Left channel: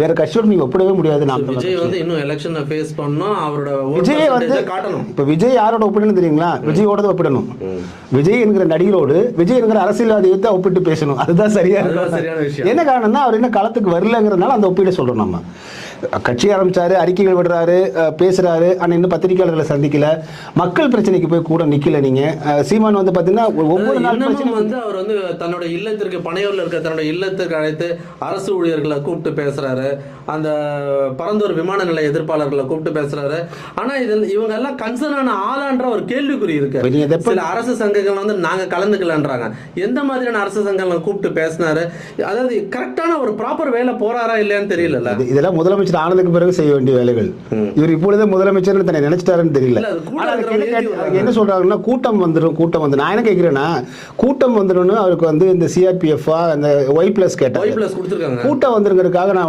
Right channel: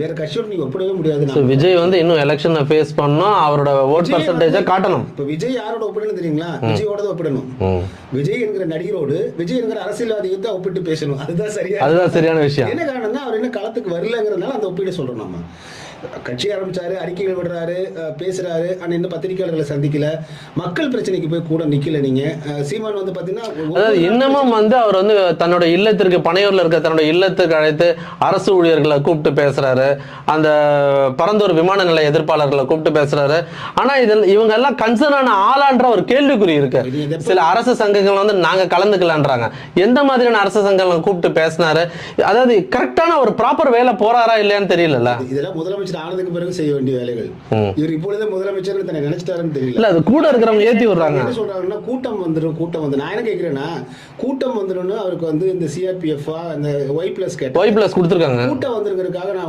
வேற கட்சியோட நீங்க ஒப்பிடவே முடியாது. விஜய் வந்து இன்னும் எலெக்ஷனை ஃபேஸ் பண்ணணும், அவரோட ஓட் பர்சன்டேஜை காட்டணும். இப்ப விஜய் யாரோட ஒப்பிடணும் தெரியுங்களா? விஜயோட தான் ஒப்பிடணும். விஜய் என்கிற நடிகரோடு விஜய் என்கிற அரசியல்வாதியை ஒப்பிட்டு பேசணும். அதுதான் சரியான விஷயம். என்ன காரணம்னா அவர் இன்னும் களத்துக்கு வரலங்கிறதுனால அந்த ஒப்பீடை சொல்றோம். நம்ம கட்சி ஆரம்பிச்சாரு, அறிக்கைகள் விடுறாரு, பேசுறாரு, ஆனா இன்னும் பத்திரிகையாளர்களை சந்திக்கல, மக்கள் பிரச்சனைக்கு போய் கூட நிக்கல. நீங்க சீமான் வந்து பாத்தீங்கன்னா இன்னமும் வந்து அவர் வந்து தன்னோட இல்லத்திற்கு, பனையூர்ல இருக்க தன்னோட இல்லத்துக்கு அழைத்து அரசு ஊழியர்களை கூப்பிட்டு பேசுறாரு, அந்த பரந்தூர் விமான நிலைய எதிர்ப்பாளர்களை கூப்பிட்டு பேசுறாரு. ஆனா இவங்க எல்லாம் கன்சர்னான ஆளான்ற ஒரு கேள்விக்குறி இருக்கு. சில அரசு சங்கங்கள் வந்து நாங்க கலந்துக்கலன்றாங்க. எந்த மாதிரியான அரசு சங்கங்களை கூப்பிட்டு பேசினாரு? அதாவது கரெக்டான ஒரு ப்ராப்பர் வேலை போறாரா இல்லையான்னு தெரியல. இதெல்லாம் முதலமைச்சர் ஆனதுக்கு பிறகு செய்ய வேண்டிய வேலைகள். இவர் இப்பொழுது முதலமைச்சர் தன்னை நினைச்சிட்டாருன்னு தெரியல. அது கூட இருக்கிறவங்க ஏத்தி விடுறாங்க. என்ன சொல்றாங்கன்னா கூட்டம் வந்து நான் என்ன கேட்கிறேன்னா, கூட்டம் வந்துடும் அவருக்கு வந்து இந்த சிஆர்பிஎஃப் அந்த ஒய் பிளஸ் கேட்டா, ஒய் பிளஸ் கொடுத்துருக்காங்க. கூட்டம் வந்துருங்கிறதுக்காக நான்